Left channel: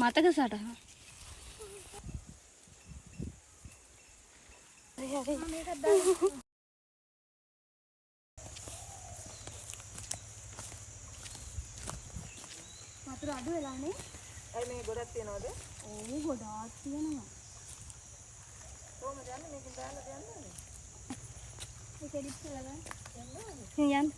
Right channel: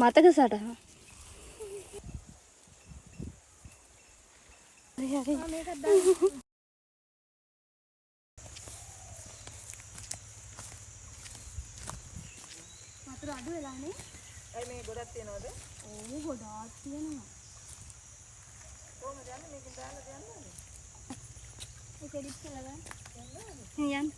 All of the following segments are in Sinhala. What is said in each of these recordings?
මතක සටහන. මේකත් දාන්න. වතුර අඩු වෙලානේ. අය මේ ගොඩක් තියනවද? ඕ ගොඩාක් තියෙනවා. කොහමද යන්නේ මේකෙන් දාලා යන්නේ? ඒක එඩිට් කරලා ගන්න. යන්න.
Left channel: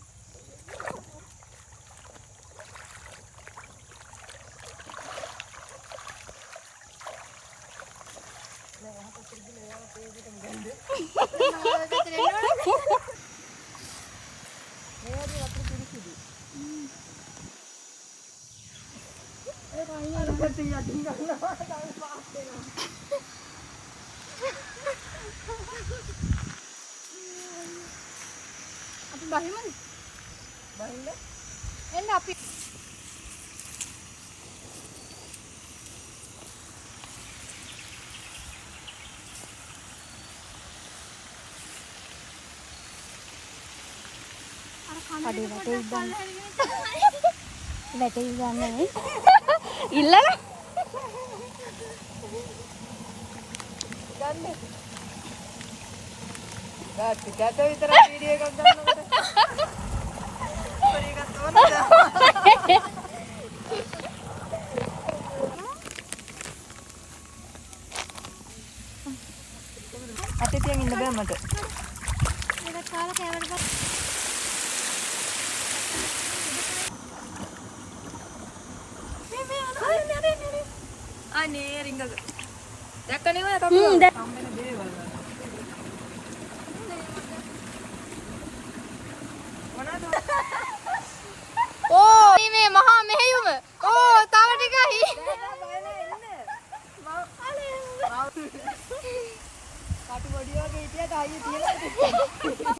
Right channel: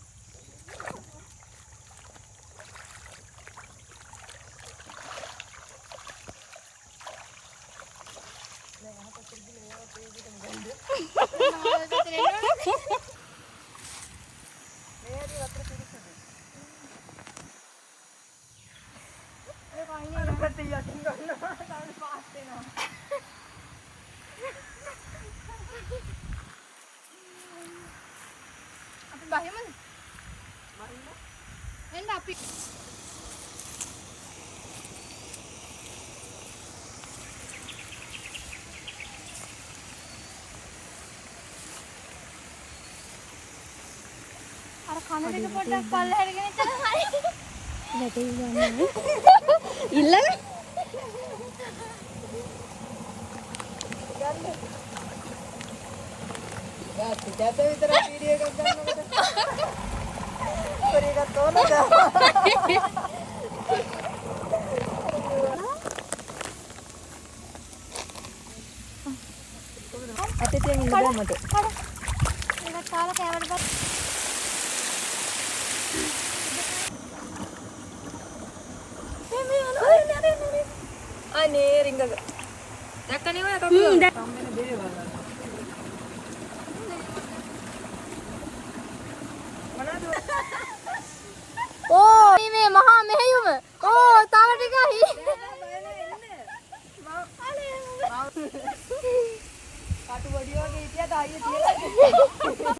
අපි බහිමුද? බහින්න? එන්න අපි අර කනරේට පොඩ්ඩක් පල්ලෙහාට ගෙනිච්ච වැටේ ගන්න ඉල්ලලා ගන්න. ටිකට විතර වීඩියෝ එකක් ගන්නකොට. පරි එකක් තෝරනද? අතේ තියන් ඉන්න බෑ මට. එකක් කාලා කෑමට ගත්තා. අනේ රිංගක. දැක්කනේ ඔය කපුව. සම්මෙන දේවල්. මොනවද? ඕ මේ මහා මෙහෙයුම. ඕ තව ටිකයි. දැන් බය නැහැ ඉන්න. අනේ අතු ගොඩියෝ කීටියක් ආයෙ තියලා.